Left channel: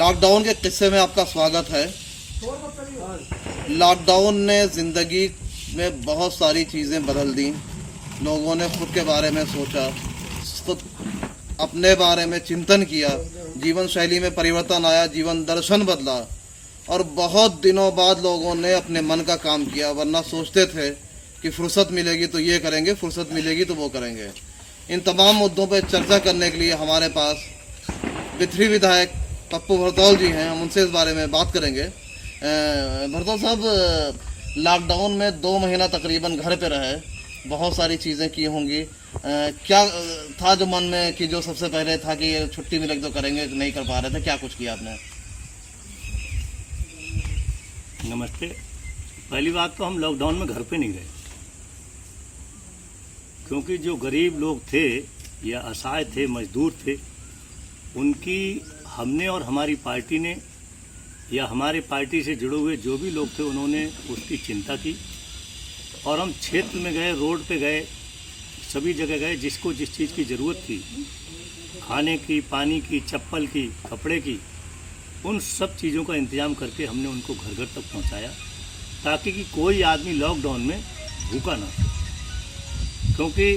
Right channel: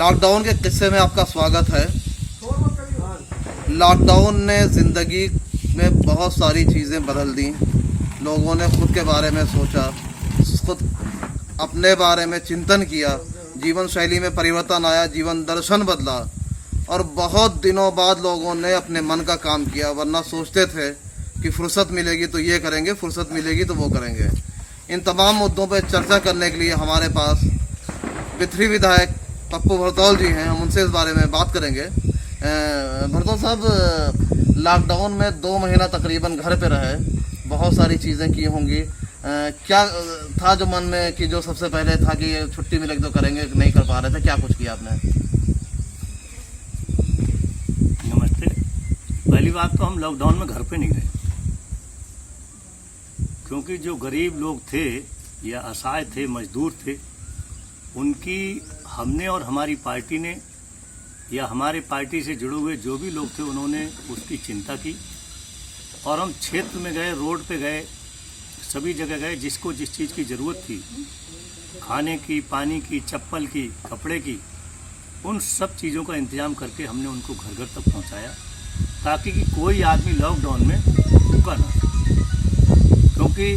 Lockdown के किस्से में आपका स्वागत है। लॉकडाउन ने ज़िंदगी में बहुत सारी चीज़ें बदल दी। लोगों ने खुद के बारे में सोचा, खुद अपने बारे में चिंतन किया, जीवन शैली में परिवर्तन आया, जीवन दर्शन बदला और बहुत दिनों बाद लोगों ने अपने मन का काम किया। वरना सोचते थे कि फुर्सत मिलेगी तो ये करेंगे, फुर्सत मिलेगी तो वो करेंगे। इन तमाम मुद्दों पर चर्चा करने के लिए हमारे पास बिथरी विधायक पप्पू भरतौल जी हैं। हम उनसे इस बारे में बात करेंगे। भरतौल साहब, लॉकडाउन में 2 महीना तकरीबन घर पे रहे, बहुत सारी चीज़ें की होंगी। क्या था जो मन में कि जो सबसे पहले था कि ये छुट्टी मिलेगी तो करेंगे, नहीं कर पा रहे थे, क्या कुछ किया आपने? नमस्ते। पहली बात तो हम लॉकडाउन में घर पे नहीं रहे, क्योंकि जो गरीब लोग थे या असहाय थे, मजदूर थे, उनकी हमने और हमारी पार्टी ने या हमारे पार्टी से जुड़े हुए जो भी लोग थे उन्होंने उसकी चिंता की और हम क्षेत्र में गए, रोड पे गए, सभी जगह गए। जिसको जिस चीज़ की ज़रूरत थी, खाने की, पानी की, चप्पल की, कपड़े की, उन सब चीज़ों का इंतजाम करके हमने उनको घर घर तक पहुंचाया, ताकि कि कोई आदमी लॉकडाउन में भूखा ना हो। क्योंकि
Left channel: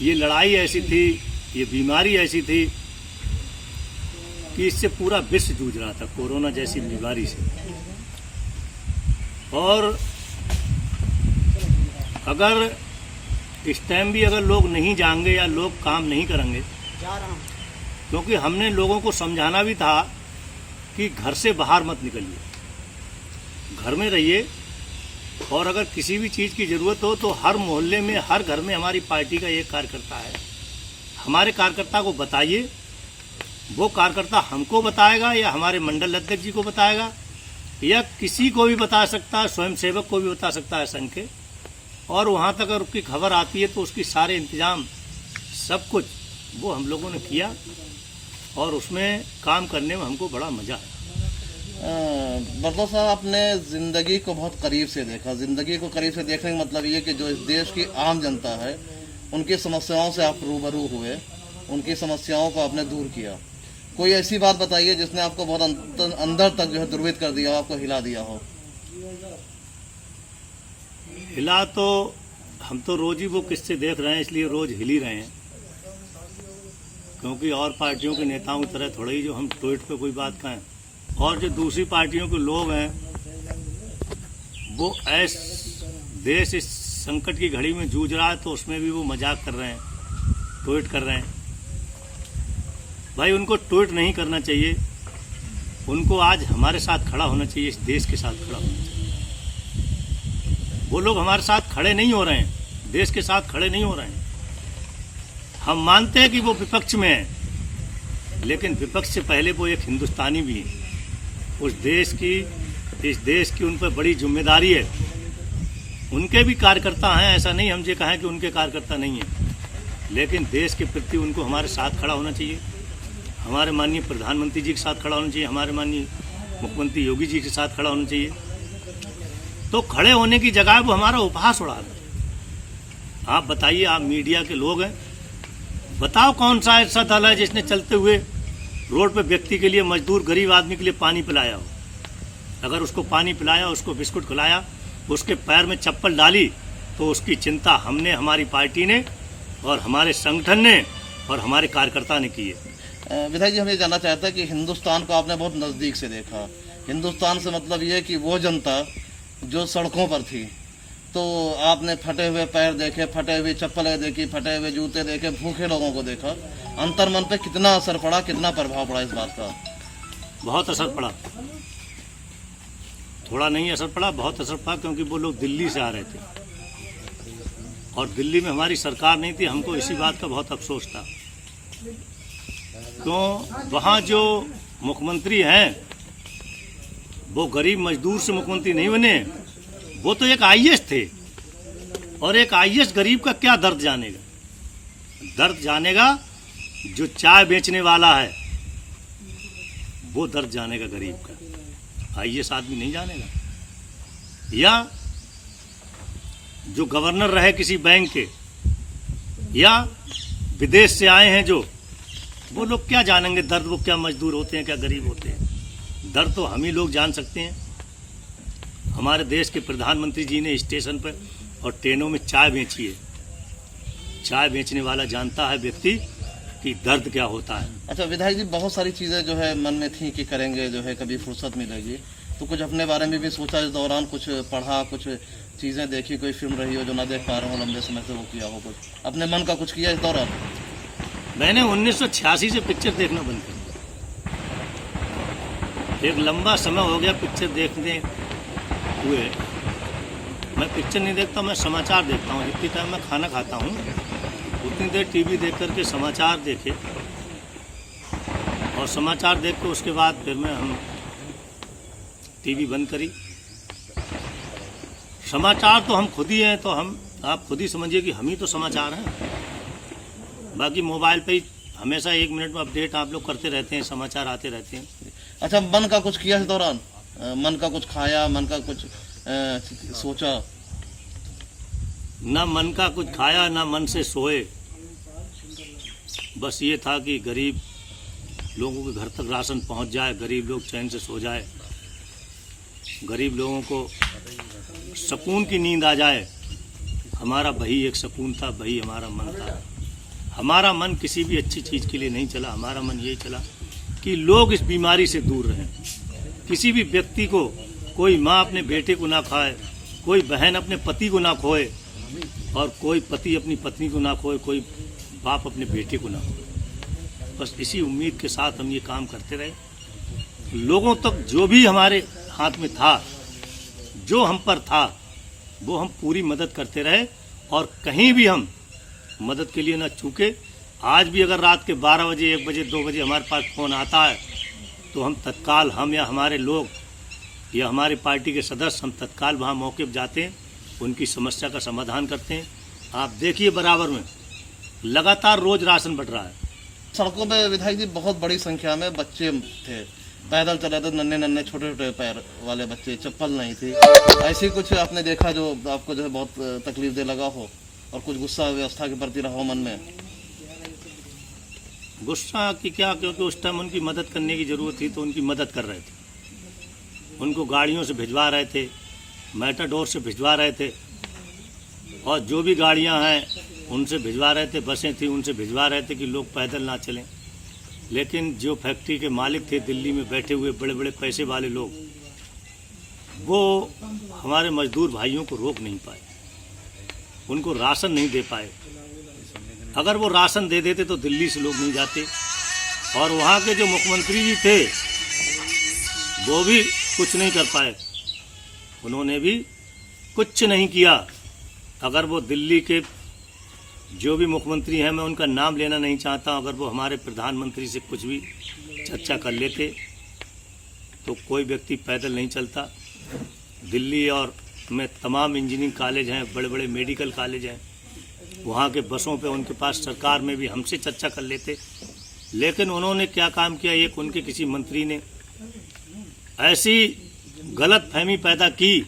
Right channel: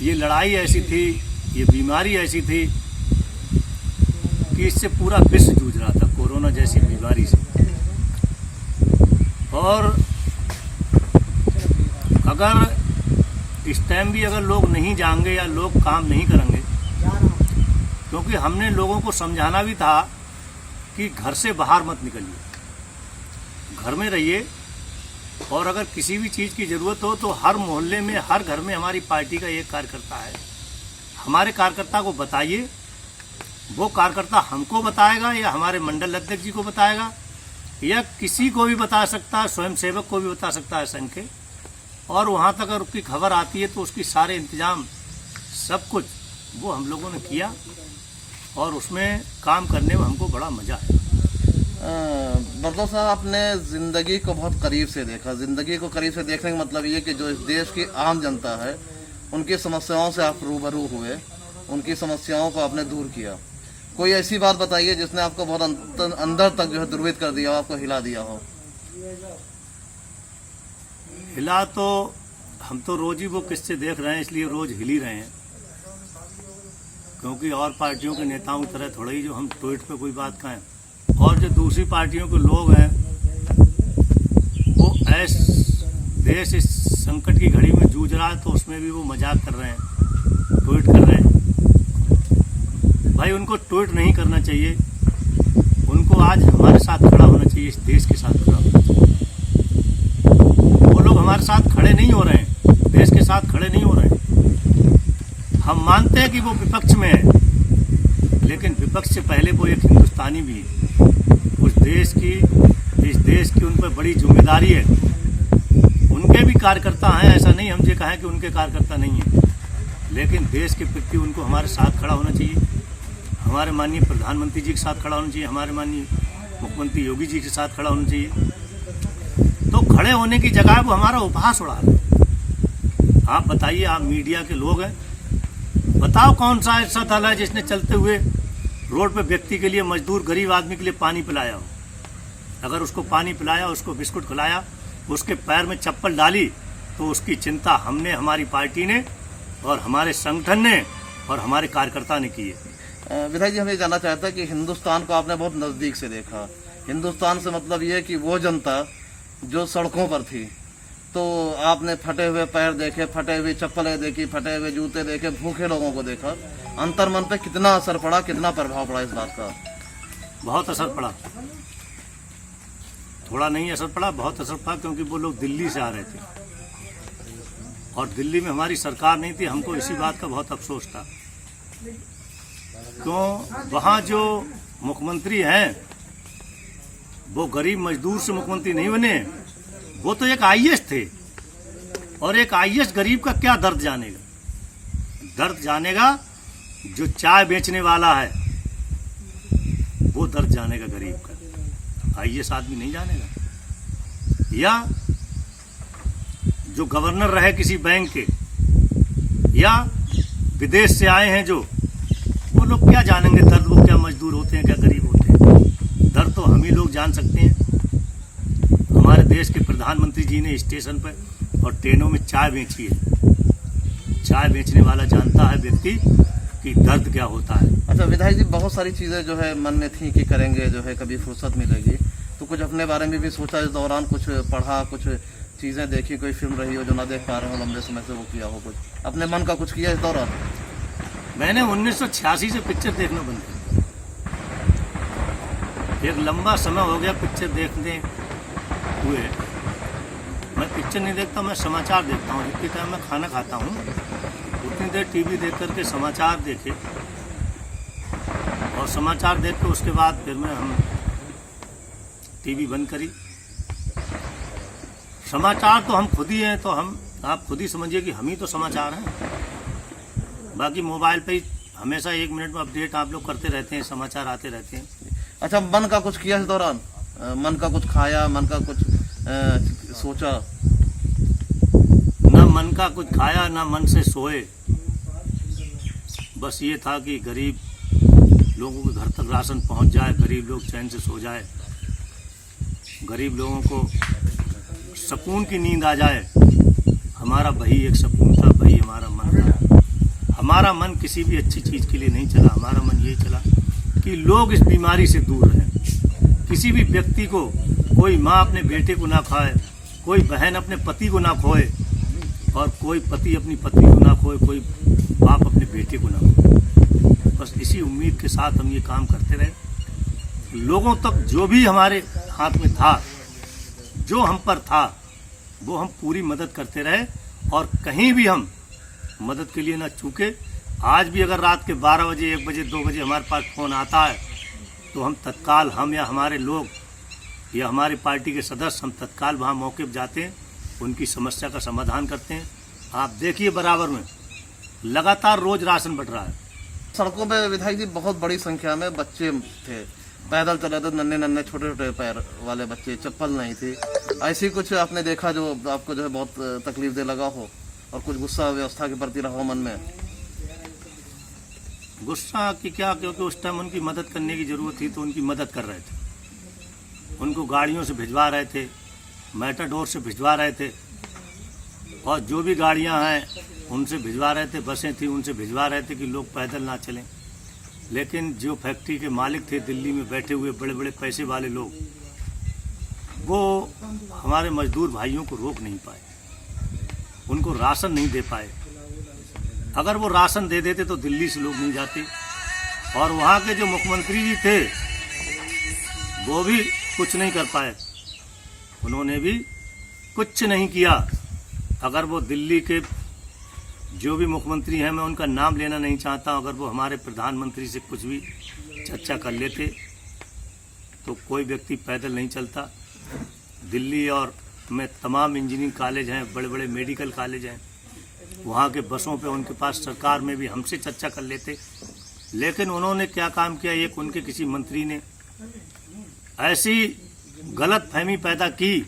ये लड़ाई ऐसी थी, ये बीमारी ऐसी थी कि इससे पूरा विश्व जूझ रहा था, कोरोना जैसी बीमारी से। और अगर इस टाइम भी अगर लोग नहीं जाएंगे या लोग काम नहीं करेंगे, क्योंकि हमने लोगों को समझाना भी था कि घर से बाहर मत निकलिए, घर में रहिए, और अगर किसी भी चीज़ की ज़रूरत हो तो हर मोहल्ले में, हर घर में हमारी पार्टी का एक कार्यकर्ता है। हमारे कार्यकर्ता को बताइए, वो कार्यकर्ता हमको बताएगा या हमारे मंडल अध्यक्ष जी को बताएगा या किसी को भी बता सकता है, स्वयं सेवक को भी बता सकता है संघ के। और वहाँ तक अगर उसकी खबर आती है तो उसकी सारे इंतजाम सब कुछ वो हम लोगों ने किया और उसमें काम करने में हमको बड़ा मज़ा आया। भरतौल साहब, आपने ज़िंदगी को बहुत करीब से देखा। ज़िंदगी को करीब से देखने का मतलब ये कि जो इस देश की आम जनता है, उनकी समस्याओं से आप रूबरू हुए, उनकी समस्याओं को आपने दूर किया। कोई ऐसी बात बताइए जिसने आपको बहुत अंदर तक जो है द्रवित कर दिया हो, आपको हिला दिया हो। हिला तो हम तो रोज ही वो किस्से देख रहे हैं, इसलिए रोज हिल ही रहे हैं। क्योंकि और पार्टियों के नेताओं की तरह थोड़ा ही जो हम ट्वीट पे कोई बात कहें, और जो दूसरी पार्टियों के लोग हैं वो देश इस संकट की घड़ी में जूझ रहा है तो उसमें भी वो मजाक कर रहे हैं, ट्वीट कर रहे हैं। भाई, उनको ट्वीट नहीं करना चाहिए, उनको आज हमारे साथ खड़ा होना चाहिए, इस देश के साथ खड़ा होना चाहिए। वो लोग हमारे साथ खड़े नहीं हो रहे हैं, देश के साथ खड़े नहीं हो रहे हैं। हम मानते हैं कि वो विपक्ष में है, लेकिन विपक्ष से पहले वो एक हिंदुस्तानी भी है। इस देश की उन पर बड़ी जिम्मेदारी है। उनके भी कार्यकर्ता हैं, ऐसा नहीं हम ये कहें कि उनके कार्यकर्ता नहीं है, लेकिन देश के प्रति उनको हमारे साथ खड़ा होना चाहिए। हमारे माननीय प्रधानमंत्री जी के साथ खड़ा होना चाहिए, हमारे माननीय मुख्यमंत्री योगी जी के साथ खड़ा होना चाहिए। तो खड़े होने की जगह वो हमारा उपहास उड़ा रहे हैं। आप बताइए, आप मीडिया के लोग हैं, बताओ कौन सा ऐसा दल है जिसने चलते हुए रोड पे व्यक्ति के लिए, मजदूर गरीब आदमी के लिए पानी पिलाया हो? अगर उसको पानी पिलाया, उसको बिस्कुट खिलाया, उसके पैर में चप्पल डाली, तो उसकी चिंता हमने, हमारी पार्टी ने और हमारे संगठन ने और हमारे कार्यकर्ता ने की है। विधायक जी, हम ये जानना चाहते हैं कि हिंदुस्तान को आपने बहुत नज़दीक से देखा। हिंदुस्तान से मतलब ये कि वो जनता जो सड़कों पर थी, तो आपने फटे हुए पैर देखे, फटे हुए चप्पलें देखी, फटे हुए जूते देखे, भूखे लोगों को देखा। अंतर्मन पे कितना असर पड़ा, कितना प्रभाव पड़ा इस बात का? बहुत असर पड़ा, थोड़ा नहीं असर पड़ा, बहुत असर पड़ा। क्योंकि वो लोग दिल्ली से आ रहे थे और दिल्ली में हमारी सरकार नहीं थी। हमको इसी बात का बहुत अफसोस था। क्यों? वहाँ जो मुख्यमंत्री हैं वो गरीब मजदूर से मुख्यमंत्री नहीं बने, वो तो एक आईएएस थे। और एक आईएएस गरीब का क्या दर्द जानेगा? दर्द जानेगा जो चाय बेचने वाला है, वो दर्द जानेगा गरीब का। आईएएस आदमी नहीं जानेगा। या जो गवर्नर रहे किसी बैंक के, या विदेश से आए हैं जो, वो लोग क्या जानेंगे दर्द, वो क्या मजदूर होते हैं, क्या गरीब होते हैं। दर्द तो हम ही लोग जान सकते हैं। हमारे देश के प्रधानमंत्री जी ने स्टेशन पर और ट्रेनों में चाय बेची है। चाय बेचने वाला जानता है व्यक्ति कि दर्द क्या होता है। अच्छा विधायक जी, बहुत सारी चीज़ें जो है मन में थी कि करेंगे, जो है कभी फुर्सत मिलेगी, तो कुछ अपने बारे में भी सोचा इस दौरान? कुछ पढ़ा, कुछ चीज़ें देखी, कोई फिल्म रही हो जो ना देख पा रहे हो लंबे समय से, वो किया हो, कुछ अपने मन का कुछ किया इस दौरान? मैंने 1986 से पिक्चर देखना बंद कर दिया। एक लंबा समय हो गया पिक्चर देखने हुए। मैं पिक्चर नहीं देखता, मैं समाचार देखता हूँ। जितनी टाइम मैं खाना खाता हूँ उतनी देर टीवी देख करके समाचार देखे, और समाचार देख के उसके बाद फिर हम टीवी बंद करी। समाचार तो हम खुद ही हैं, तो आप खुद ही समझिए कि हम ही तो समाचार हैं। बाकी मोबाइल पे ही हमेशा 1 मिनट में अपडेट आप लोग करते रहते हैं, समाचार आते रहते हैं। अच्छा, मन का कुछ किया इस दौरान? मन का कुछ खाया, मन का कुछ सोचा? ना मन का कुछ खाया, ना मन से सोए। बस ये था कि गरीब लोगों के घर तक राशन पहुंच जाए, गरीब लोग चैन से सो जाए, गरीब लोगों को सुकून की नींद आ जाए। हमारा वही एक सुकून था, वही हमारा मन था। हमारा मन किसी भी अच्छी चीज़ के लिए नहीं चला। हमारा मन यही चला कि लोग इस बीमारी से दूर रहें। किसी भी व्यक्ति को, कोई माँ अपने बेटे को ना खाए, कोई बहन अपने पति को ना खोए, और कोई पति अपनी पत्नी को ना खोए, कोई बाप अपने बेटे को ना खोए। बस इसी उम्मीद के साथ हम ये काम करते रहे। लोगों तक जो भी हमारे हाथ में था, जो हम पर था, वो हम पूरी मदद करते रहे, और कहीं भी हम मदद के लिए ना चूके। आज भी अगर रात के 12 बजे, 1 बजे, 2 बजे हमारे पास फ़ोन आता है, तो हम तत्काल, हम या हमारे लोग या हमारी पार्टी के सदस्य, हम तत्काल वहाँ मौके पर जाते हैं, उनकी समस्या का समाधान करते हैं। आप देखिए बराबर में लगातार रोज राशन बट रहा है। सड़कों पे विधायक जी बहुत बड़ी संख्या में बच्चे थे, पैदल चले थे, नन्हे नन्हे छोटे छोटे पैर वाले बच्चे, चप्पल नहीं थी। ऐसी कुछ आपने देखा जो आपको जो है बहुत तकलीफ दे लगा हो, और कुछ गुस्सा व्यवस्था के प्रति रहा हो मन में? गुस्सा की क्या, क्योंकि उस टाइम उनकी मदद करने की जरूरत थी तो उनकी मदद कर रहे थे। उनको गाड़ियों से भिजवा रहे थे, मैटाडोर से भिजवा रहे थे, और जो भी गाड़ियां हैं उनसे भिजवा रहे थे, बसें थी उनसे भिजवा रहे थे कि लोग पैदल ना चलें। लेकिन जो फैक्ट्री के मालिक थे दिल्ली में बैठे हुए बड़े बड़े पैसे वाले लोग, वो हमारे मजदूर भाइयों को रोक नहीं पाए, उनको राशन नहीं दे पाए। अगर वो राशन दे देते तो दिल्ली से लोग नहीं जाते। और वहाँ के जो मुख्यमंत्री भी थे वो भी कुछ नहीं कर पाए, उन्होंने भी कुछ नहीं किया। अगर वो दिल्ली के जो भी मुख्यमंत्री हैं, मैं उनका नाम लेना नहीं चाहता, अगर वो हमारे प्रधानमंत्री से कुछ भी चर्चा कर लेते तो कोई व्यक्ति पैदल नहीं चलता। दिल्ली और में तमाम इंजीनियरिंग कॉलेज हैं, बड़े बड़े मेडिकल कॉलेज हैं, वहाँ के बसों पे उनके पास सरकार में भी हमसे चर्चा कर लेते। लेकिन उन्होंने क्या काम किया, एक उनके किसी मंत्री ने ऐसी गलत फहमी पैदा की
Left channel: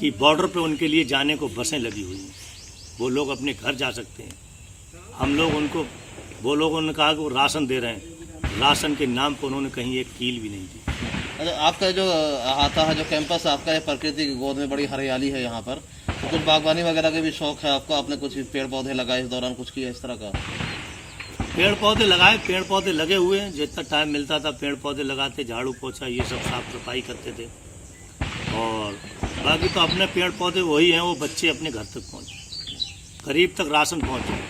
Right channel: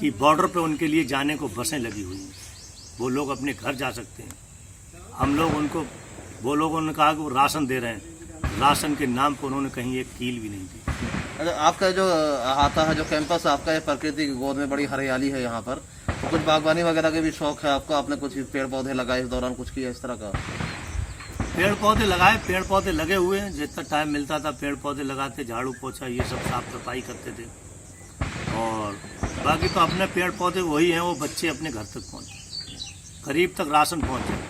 कि बॉर्डर पे उनके लिए जाने को बसें लगी हुई हैं, वो लोग अपने घर जा सकते हैं। हम लोग उनको, वो लोगों ने कहा कि वो राशन दे रहे हैं, राशन के नाम पर उन्होंने कहीं एक कील भी नहीं दी। अच्छा, आपका जो आता है जो कैंपस आपका, ये प्रकृति की गोद में बड़ी हरियाली है यहाँ पर, तो कुछ बागवानी वगैरह के भी शौक है आपका? आपने कुछ पेड़ पौधे लगाए इस दौरान, कुछ किया इस तरह का? पेड़ पौधे लगाए, पेड़ पौधे लगे हुए हैं। जितना टाइम मिलता था पेड़ पौधे लगाते, झाड़ू पोछा ये सब साफ सफाई करते थे। और बाकी तो अपने पेड़ पौधे वही हैं, वो बच्चे अपने घर तक पहुँचे, करीब तक राशन पहुँचे,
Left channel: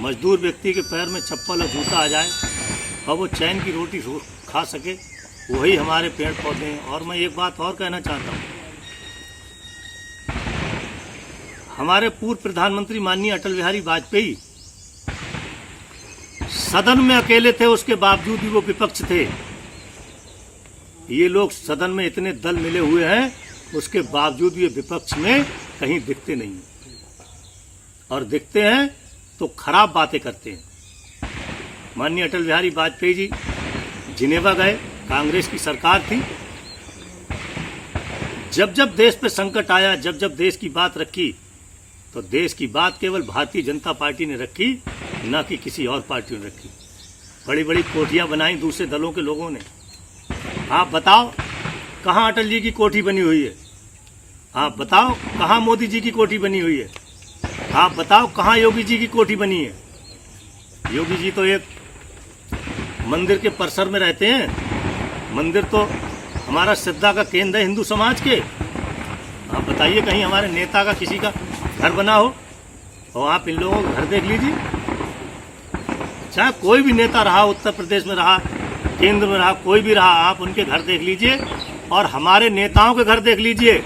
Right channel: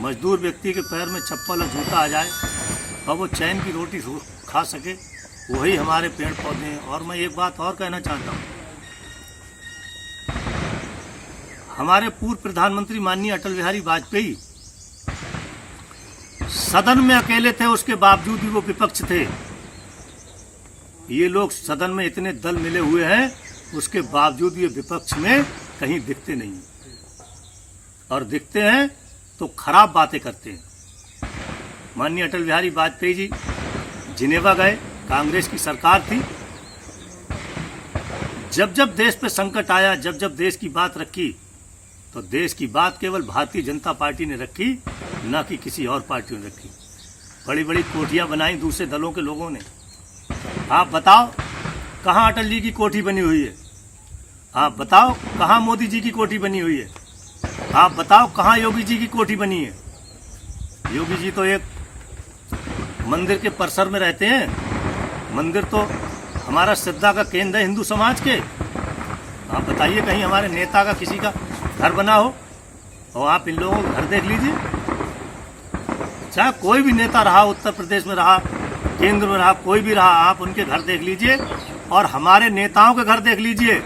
मजदूर व्यक्ति के पैर में चप्पल और जूता आ जाए और वो चैन की रोटी खा सके, वही हमारे पेड़ पौधे हैं। और मैं एक बात और कहना चाहता हूँ, हमारे पूर्व प्रधानमंत्री माननीय अटल बिहारी वाजपेयी सदन में अकेले थे, उसके बावजूद भी वो विपक्ष थे। ये लोग सदन में इतने दल मिले हुए हैं, उसके बावजूद ये विपक्ष में कहीं दिखते नहीं, और दिखते हैं तो खराब बातें करते हैं। माननीय अटल बिहारी वाजपेयी जी जिनेवा गए, कांग्रेस की सरकार थी, जब जब देश पे संकट आया, जब जब देश की बात रखी, तो देश की बात केवल भारतीय जनता पार्टी ने रखी, न कि किसी और पार्टी ने रखी। बड़ी बड़ी कोठियां बनाई दूसरे दलों के लोगों ने। आप बताओ कहाँ अटल जी की कोठी बनी हुई है? आप बताओ कहाँ मोदी जी की कोठी बनी हुई है? आप बताओ कहाँ योगी जी की कोठी बनी है? योगी जी तो एक मंदिर के परिसर में रहते हैं। मंदिर तो हमारा श्रद्धा का केंद्र है हिंदू समाज के। आप बताइए कहीं हमारे नेता का किसी का घर बना हो? और आप इन लोगों का घर देख लीजिए, चाहे कोई भी नेता रहा, उत्तर प्रदेश में रहा, केंद्र में रहा, कोई भी रहा, आप उनके घर देख लीजिए और हमारे नेताओं के घर देख लीजिए।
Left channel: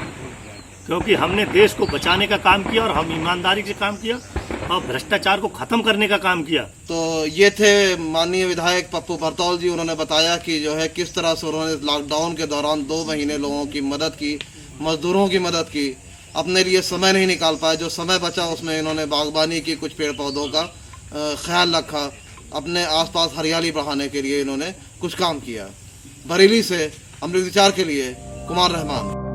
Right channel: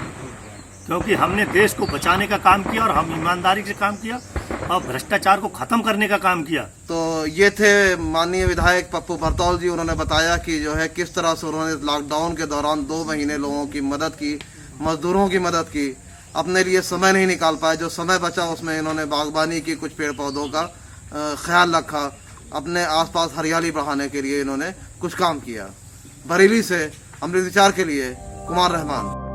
क्योंकि हमने देश को बचाने का काम किया और हम ईमानदारी से काम किया और भ्रष्टाचार को खत्म करने का काम किया। तो ये थे माननीय विधायक पप्पू भरतौल जी। उन्होंने बताया कि जो है किस तरह से उन्होंने लॉकडाउन के दौरान 2 महीने लोगों की मदद की, मजदूरों की मदद की। अपने लिए समय नहीं निकाल पाए, जो समय बचा उसमें इन्होंने बागबानी की, कुछ पेड़ पौधों का ख्याल रखा, अपने आसपास हरियाली बढ़ाने के लिए इन्होंने कुछ काम किया। बरेली से अमृत विचार के लिए कुमार रहमान।